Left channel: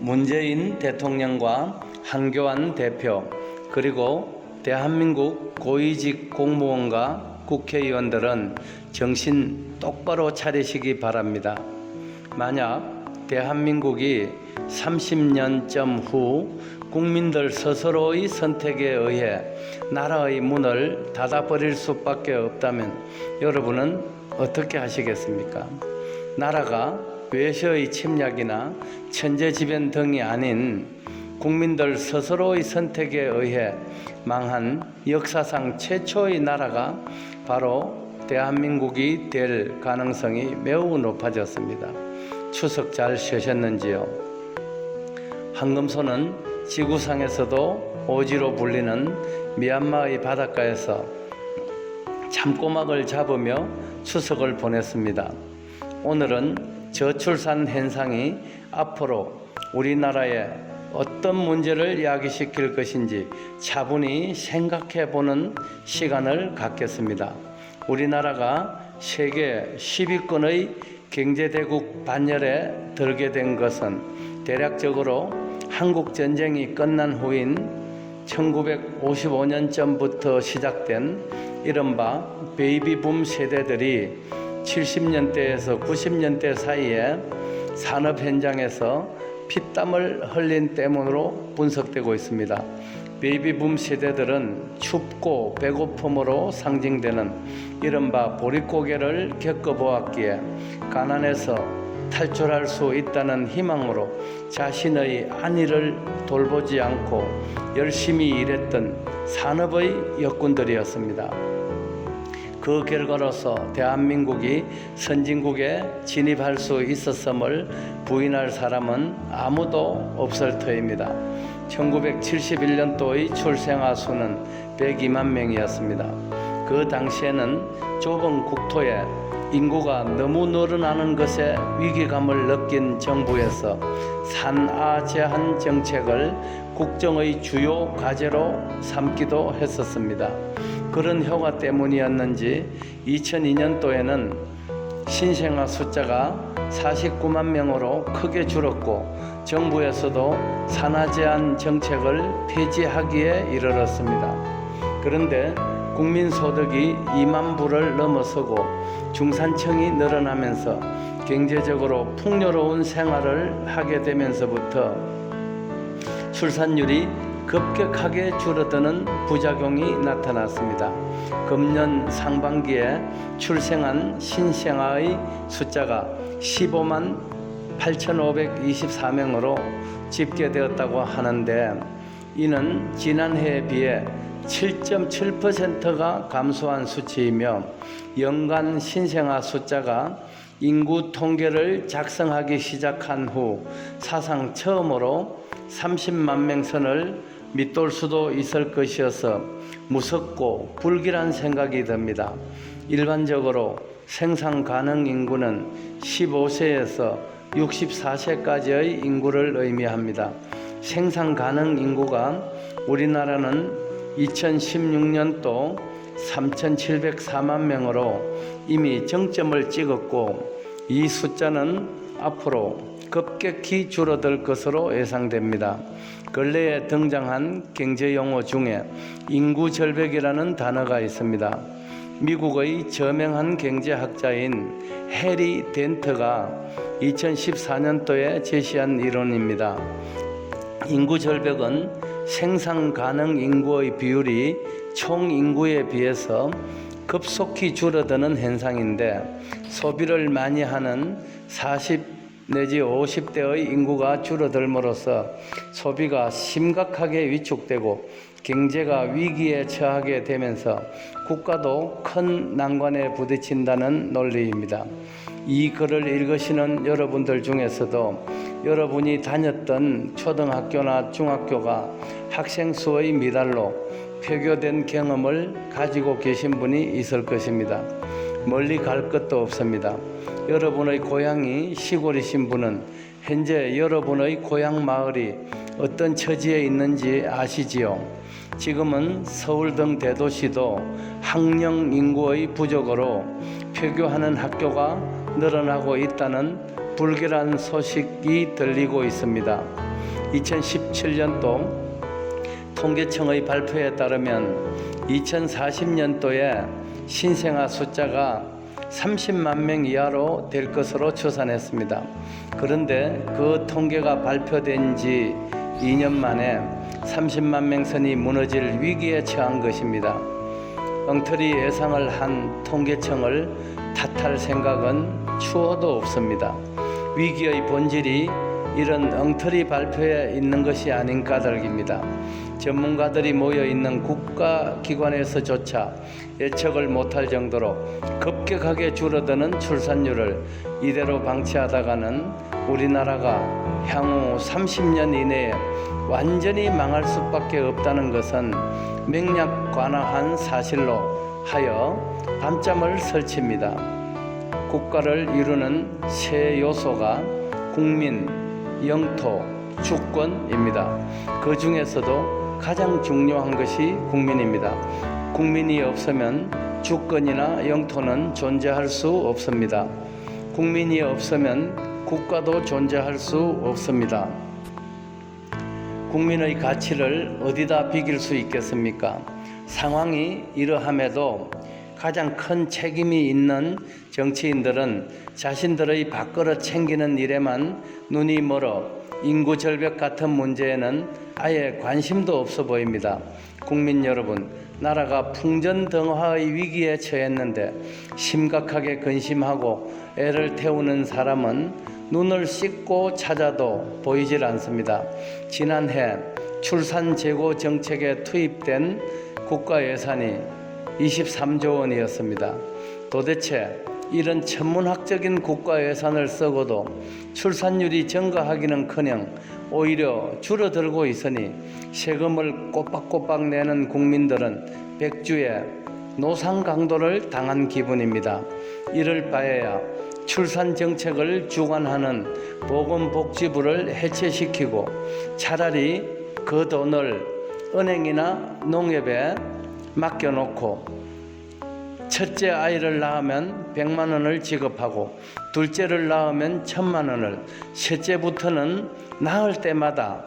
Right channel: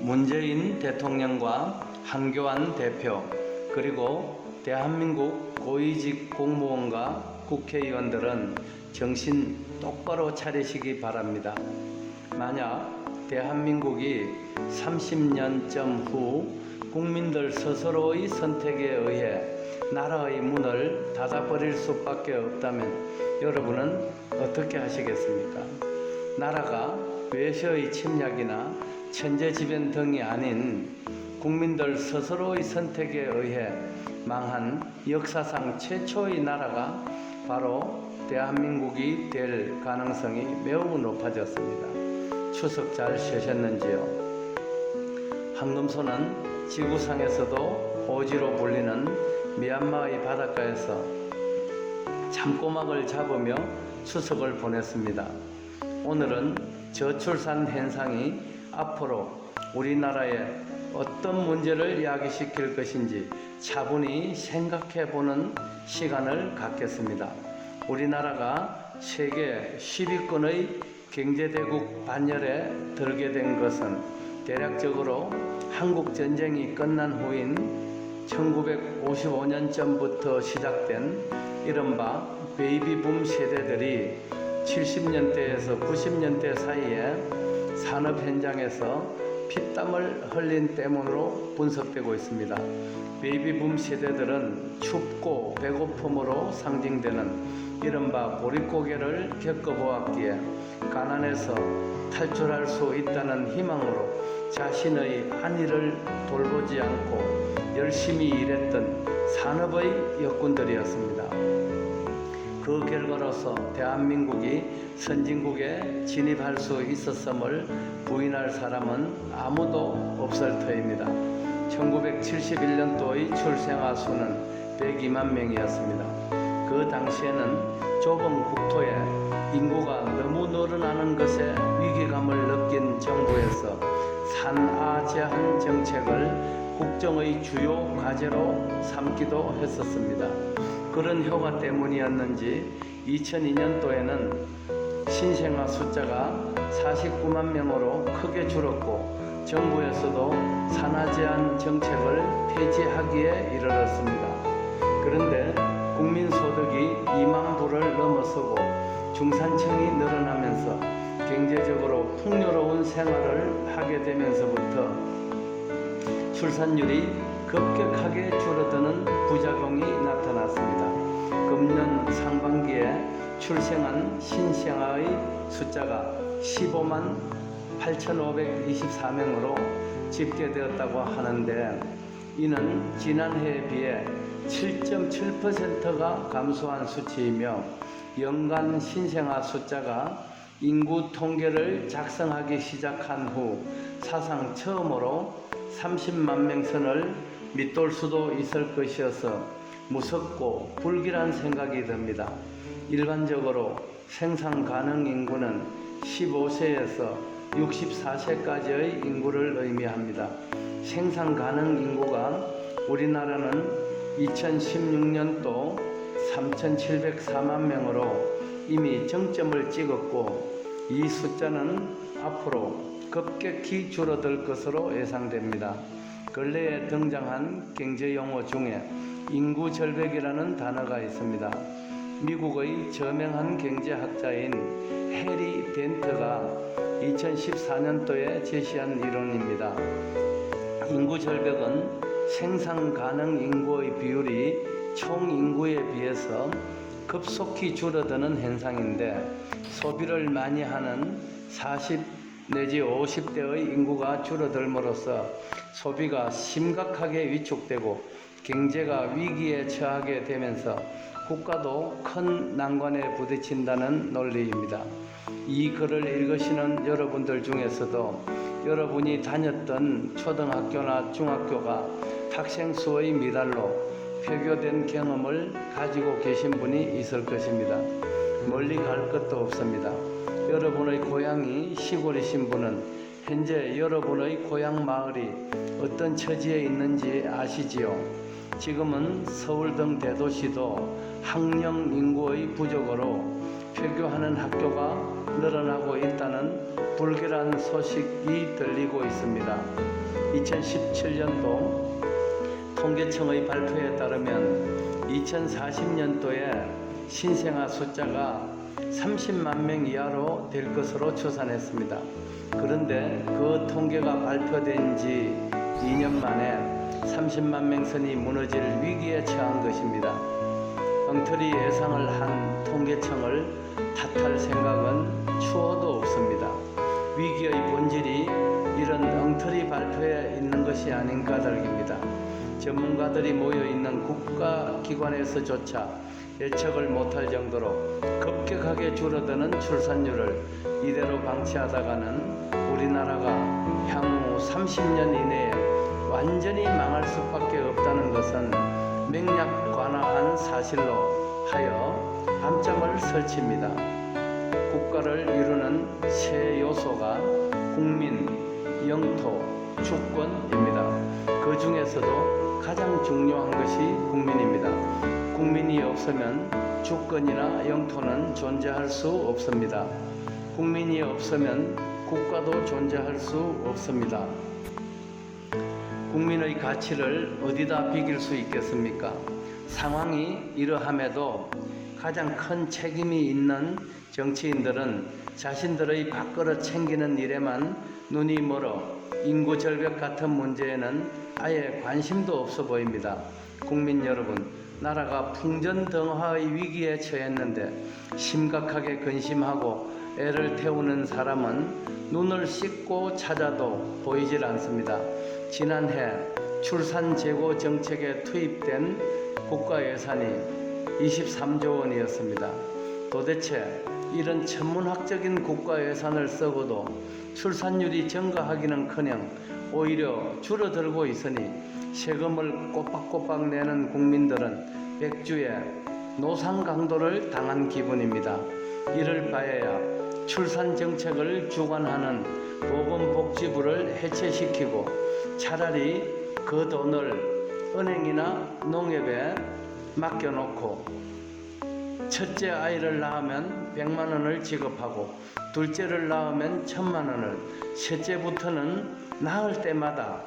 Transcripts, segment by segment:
문재인 대통령과 한교안 대표 그리고 대한민국 고위직 공무원과 국회의원들은 정신 똑바로 차리시기 바랍니다. 만약 대한민국이 30년쯤 후 국민들 스스로의 선택에 의해 나라의 문을 닫아버릴 수밖에 없다면 여러분은 어떻게 하시겠습니까? 나라가 외세의 침략이나 천재지변 등이 아닌 국민들 스스로의 선택에 의해 망한 역사상 최초의 나라가 바로 대한민국이 될 가능성이 매우 높아졌습니다. 추석 잘 쉬셨는지요? 황금소는 지구상에서도 오지로 불리는 미얀마의 바닷가에서 참꼬막을 잡으며 추석을 보냈습니다. 오늘은 저출산 현상이 앞으로 우리나라에 어떤 문제를 야기시킬 것인지 차분히 생각해 보는 시간을 갖겠습니다. 우리나라가 세계 10위권의 경제대국 반열에 들게 된 것은 대략적으로 한국 전쟁이 끝난 후인 1955년 전부터 시작된 이른바 베이비붐 세대들이 70년대에서 90년대 사이에 산업 현장에서 피땀을 흘린 때문으로 분석되고 있습니다. 베이비붐 세대들은 춥고 배고픔으로 상징되는 이른바 보릿고개를 겪어보았기에 가난에서 탈출할 수 있다는 희망으로 자신의 안위를 돌보지 않고 열심히 일했던 산업의 역군들이었습니다. 그 결과로서 대한민국이 선진국에 진입할 수 있었음을 부인할 사람은 아무도 없을 터입니다. 1971년도의 출생아 수는 102만 명이었습니다. 그 당시에는 좁은 국토에 인구가 너무 늘어나는 것에 위기감을 느낀 정부에서 산아 제한 정책을 국정의 주요 과제로 삼기도 했었습니다. 그런 효과 때문이었는지 2002년도에는 신생아 숫자가 49만 명으로 크게 줄었고 정부에서도 산하 제한 정책을 폐지하기에 이르렀습니다. 그런데 국민 소득이 2만 불을 넘어서고 중산층이 늘어나면서 경제적으로 풍요로운 생활을 하게 되면서부터 출산율이 급격하게 줄어드는 부작용이 나타났습니다. 금년 상반기에 출생한 신생아의 숫자가 15만 8,524명으로 집계되었다고 하는데 이는 지난해에 비해 7.7%가 감소한 수치이며 연간 신생아 숫자가 인구 통계를 작성하기 시작한 후 사상 처음으로 30만 명 선을 밑돌 수도 있을 것이어서 무섭고 불길한 생각이 듭니다. 일반적으로 생산 가능 인구는 15세에서 64세까지의 인구를 의미합니다. 생산 가능 인구가 우리나라는 2016년도 3,704만 명으로 이미 정점을 찍었고 이 숫자는 앞으로 급격히 줄어들 것으로 예상됩니다. 근래에 등장한 경제 용어 중에 인구 절벽이라는 단어가 있습니다. 미국의 저명한 경제학자인 해리 덴트가 2014년도에 제시한 이론입니다. 인구 절벽은 생산 가능 인구의 비율이 총 인구에 비해서 급속히 줄어드는 현상인데 소비를 많이 하는 40 내지 50대의 인구가 줄어들므로써 소비가 심각하게 위축되고 경제가 위기에 처하게 되면서 국가도 큰 난관에 부딪힌다는 논리입니다. 이 글을 읽으시는 여러분들 중에서도 여러분이 다녔던 초등학교나 중학교가 학생 수의 미달로 폐교된 경험을 가지고 계신 분이 있을 것입니다. 멀리 갈 것도 없습니다. 여러분의 고향이 시골이신 분은 현재 여러분의 고향 마을이 어떤 처지에 있는지 아시지요? 지금은 서울 등 대도시도 학령 인구의 부족으로 폐교하는 학교가 늘어나고 있다는 불길한 소식이 들리고 있습니다. 2017년도 통계청의 발표에 따르면 2040년도에 신생아 숫자가 30만 명 이하로 될 것으로 추산했습니다. 그런데 그 통계가 발표된 지 2년 만에 30만 명 선이 무너질 위기에 처한 것입니다. 엉터리 예상을 한 통계청을 탓할 생각은 추호도 없습니다. 위기의 본질이 이런 엉터리 발표에 있는 것이 아닌 까닭입니다. 전문가들이 모여 있는 국가기관에서조차 예측을 못할 정도로 급격하게 줄어드는 출산율을 이대로 방치하다가는 우리나라가 향후 30년 이내에 완전히 망할 수밖에 없다는 것은 맹약관화한 사실로 하여 밤잠을 설칩니다. 국가를 이루는 세 요소가 국민, 영토, 주권입니다. 그 중에서도 가장 중요한 것이 국민입니다. 국민이 없으면 주권이나 영토는 존재할 수 없습니다. 국민이 없으면 국가도 존재할 수 없습니다. 국민의 가치를 어디다 비길 수 있겠습니까? 상황이 이러함에도 가장 큰 책임이 있는 정치인들은 자신들의 밥그릇 챙기는 일에만 눈이 멀어 인구 절벽 같은 문제에는 아예 관심도 없어 보입니다. 국민 여러분, 나라가 풍전등화의 위기에 처했는데 심각하게 근심하고 애를 태우는 사람은 눈을 씻고 찾아도 보이질 않습니다. 지난해 출산 재고 정책에 투입된 국가 예산이 23조 원이었습니다. 도대체 이런 천문학적인 국가 예산을 쓰고도 출산율이 증가하기는커녕 오히려 줄어들고 있으니 세금을 꼬박꼬박 내는 국민들은 백주에 노상 강도를 당한 기분입니다. 이럴 바에야 출산 정책을 주관하는 보건복지부를 해체시키고 차라리 그 돈을 은행이나 농협에 맡겨놓고 첫째 아이를 낳으면 100만 원을 지급하고 둘째를 낳으면 1000만 원을 셋째부터는 낳을 때마다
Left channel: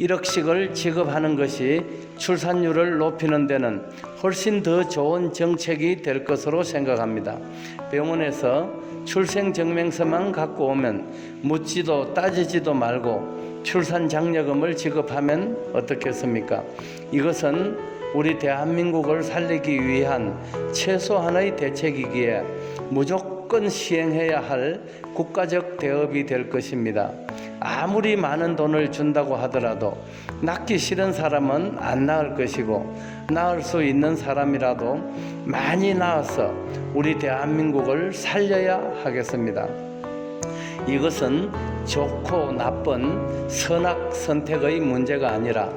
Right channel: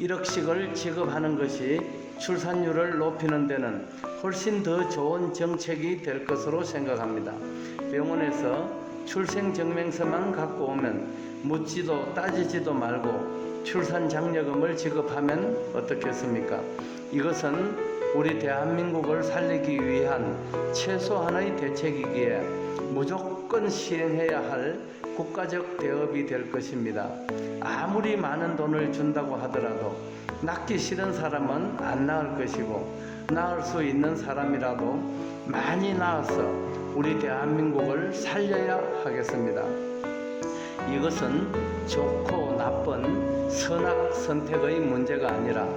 1억씩을 지급하는 것이 출산율을 높이는 데는 훨씬 더 좋은 정책이 될 것으로 생각합니다. 병원에서 출생증명서만 갖고 오면 묻지도 따지지도 말고 출산 장려금을 지급하면 어떻겠습니까? 이것은 우리 대한민국을 살리기 위한 최소한의 대책이기에 무조건 시행해야 할 국가적 대업이 될 것입니다. 아무리 많은 돈을 준다고 하더라도 낳기 싫은 사람은 안 낳을 것이고 낳을 수 있는 사람이라도 많이 낳아서 우리 대한민국을 살려야 하겠습니다. 이것은 좋고 나쁜 선악 선택의 문제가 아니라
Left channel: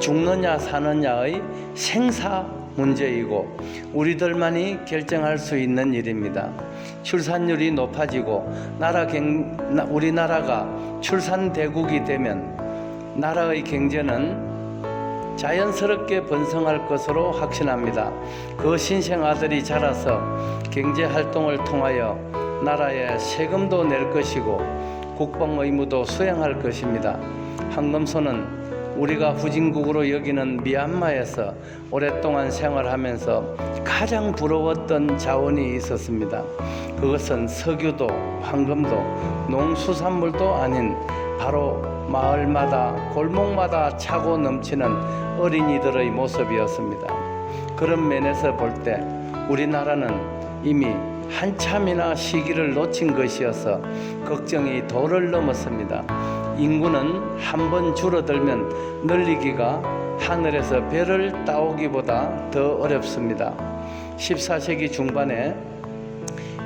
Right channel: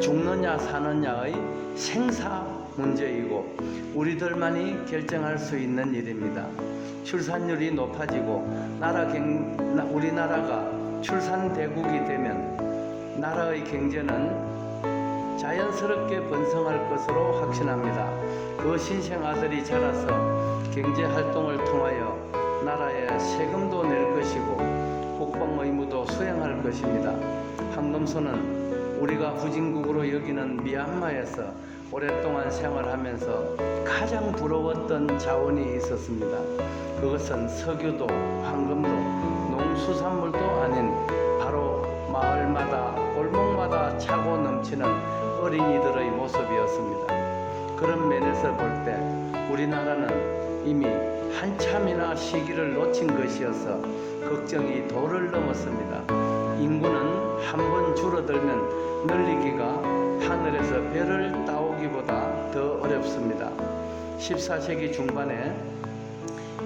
죽느냐 사느냐의 생사 문제이고 우리들만이 결정할 수 있는 일입니다. 출산율이 높아지고 나라 경, 우리나라가 출산 대국이 되면 나라의 경제는 자연스럽게 번성할 것으로 확신합니다. 그 신생 아들이 자라서 경제 활동을 통하여 나라에 세금도 낼 것이고 국방 의무도 수행할 것입니다. 황금소는 우리가 후진국으로 여기는 미얀마에서 오랫동안 생활하면서 가장 부러웠던 자원이 있었습니다. 그것은 석유도 황금도 농수산물도 아닌 바로 마을마다 골목마다 차고 넘치는 어린이들의 모습이었습니다. 그런 면에서 볼 때 우리나라는 이미 한참이나 시기를 놓친 것이어서 걱정이 도를 넘었습니다. 인구는 한 번 줄어들면 늘리기가 하늘에서 별을 따오기보다 더 어렵습니다. 14세기 중반에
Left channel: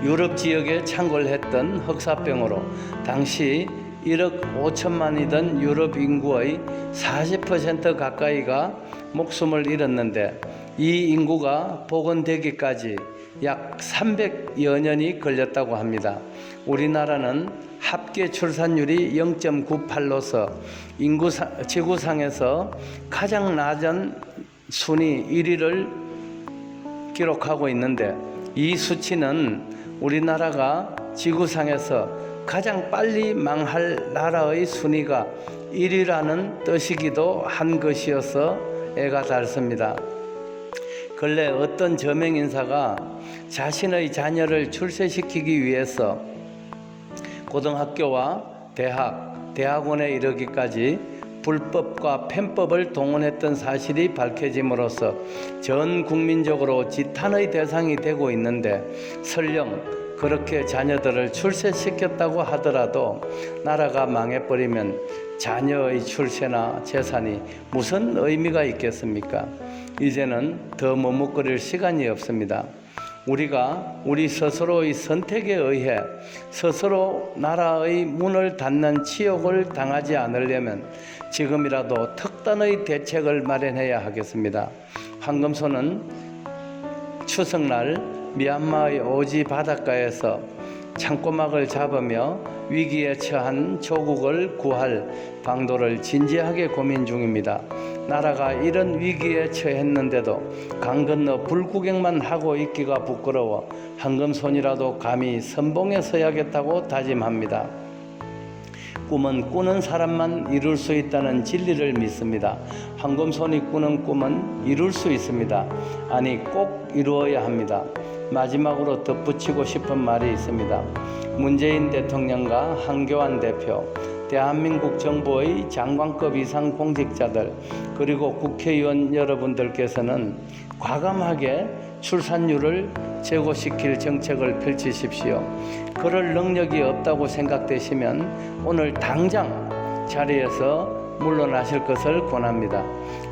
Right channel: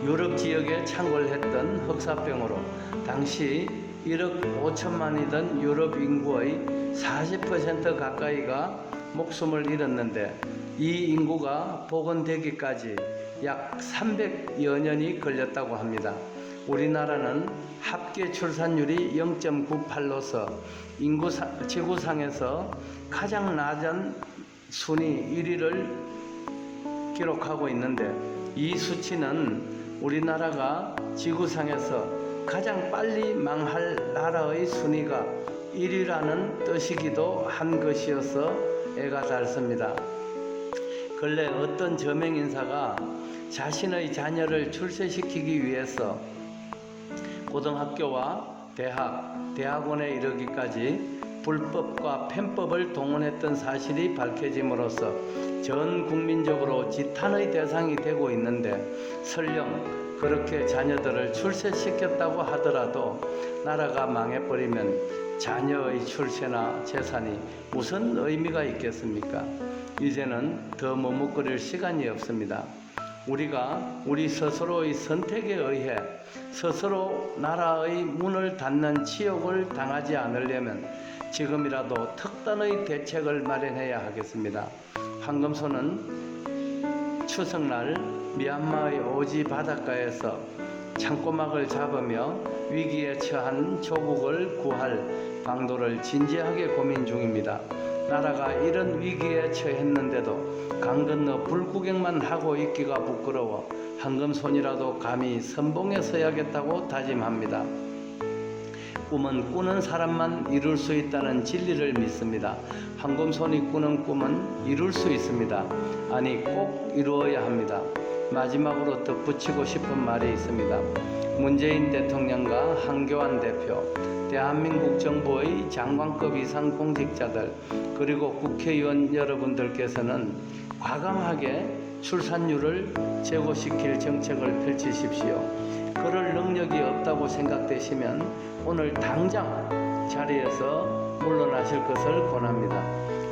유럽 지역에 창궐했던 흑사병으로 당시 1억 5천만이던 유럽 인구의 40% 가까이가 목숨을 잃었는데 이 인구가 복원되기까지 약 300여 년이 걸렸다고 합니다. 우리나라는 합계 출산율이 0.98로서 인구 지구상에서 가장 낮은 순위 1위를 기록하고 있는데 이 수치는 우리나라가 지구상에서 가장 빨리 망할 나라의 순위가 1위라는 뜻이기도 한 것이어서 애가 닳습니다. 근래 어떤 저명 인사가 자신의 자녀를 출세시키기 위해서 고등학교와 대학, 대학원에 이르기까지 불법과 편법을 동원했던 사실이 밝혀짐으로써 전 국민적으로 지탄의 대상이 되고 있는데 설령 그렇게 자녀들을 출세시켰다고 하더라도 나라가 망해버리면 자녀의 출세나 재산이 무슨 의미가 있겠습니까? 이제는 더 머뭇거릴 시간이 없습니다. 우리가 우리 스스로의 선택에 의해 스스로 나라의 문을 닫는 치욕을 당하지 않으려면 지금이라도 특단의 대책을 마련해야 하겠습니다. 황금소는 추석날 미얀마의 오지 바닷가에서 창고막을 잡으며 위기에 처한 조국을 구할 방도를 진지하게 고민 중입니다. 나라가 이런 위기에 처했는데도 강 건너 불구경만 하고 있기가 부끄러워 황금손이라도 감히 선봉에 서야겠다고 다짐합니다. 꿈은 꾸는 사람만 이룰 수 있다는 진리를 믿습니다. 황금손이 꾸는 꿈은 이룰 수 있습니다. 아니 꼭 이루어야 합니다. 마지막으로 덧붙이고 싶은 말이 있습니다. 문재인 대통령과 한교안 대표, 대한민국 정부의 장관급 이상 공직자들, 그리고 국회의원 여러분들께서는 과감하게 출산율을 제고시킬 정책을 펼치십시오. 그럴 능력이 없다고 생각되시면 오늘 당장 자리에서 물러나실 것을 권합니다.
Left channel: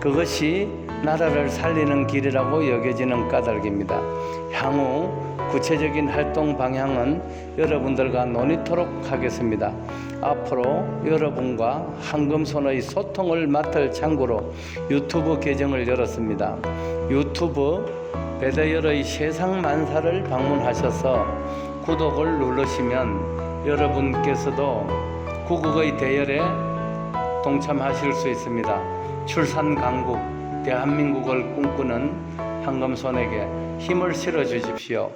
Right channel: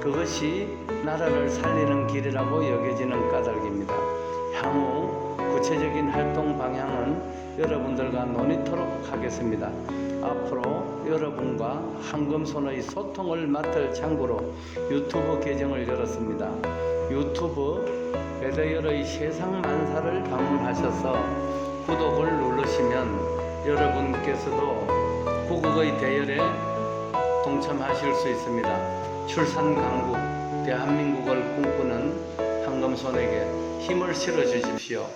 그것이 나라를 살리는 길이라고 여겨지는 까닭입니다. 향후 구체적인 활동 방향은 여러분들과 논의토록 하겠습니다. 앞으로 여러분과 황금손의 소통을 맡을 창구로 유튜브 계정을 열었습니다. 유튜브 베데열의 세상 만사를 방문하셔서 구독을 누르시면 여러분께서도 구국의 대열에 동참하실 수 있습니다. 출산 강국 대한민국을 꿈꾸는 황금손에게 힘을 실어 주십시오.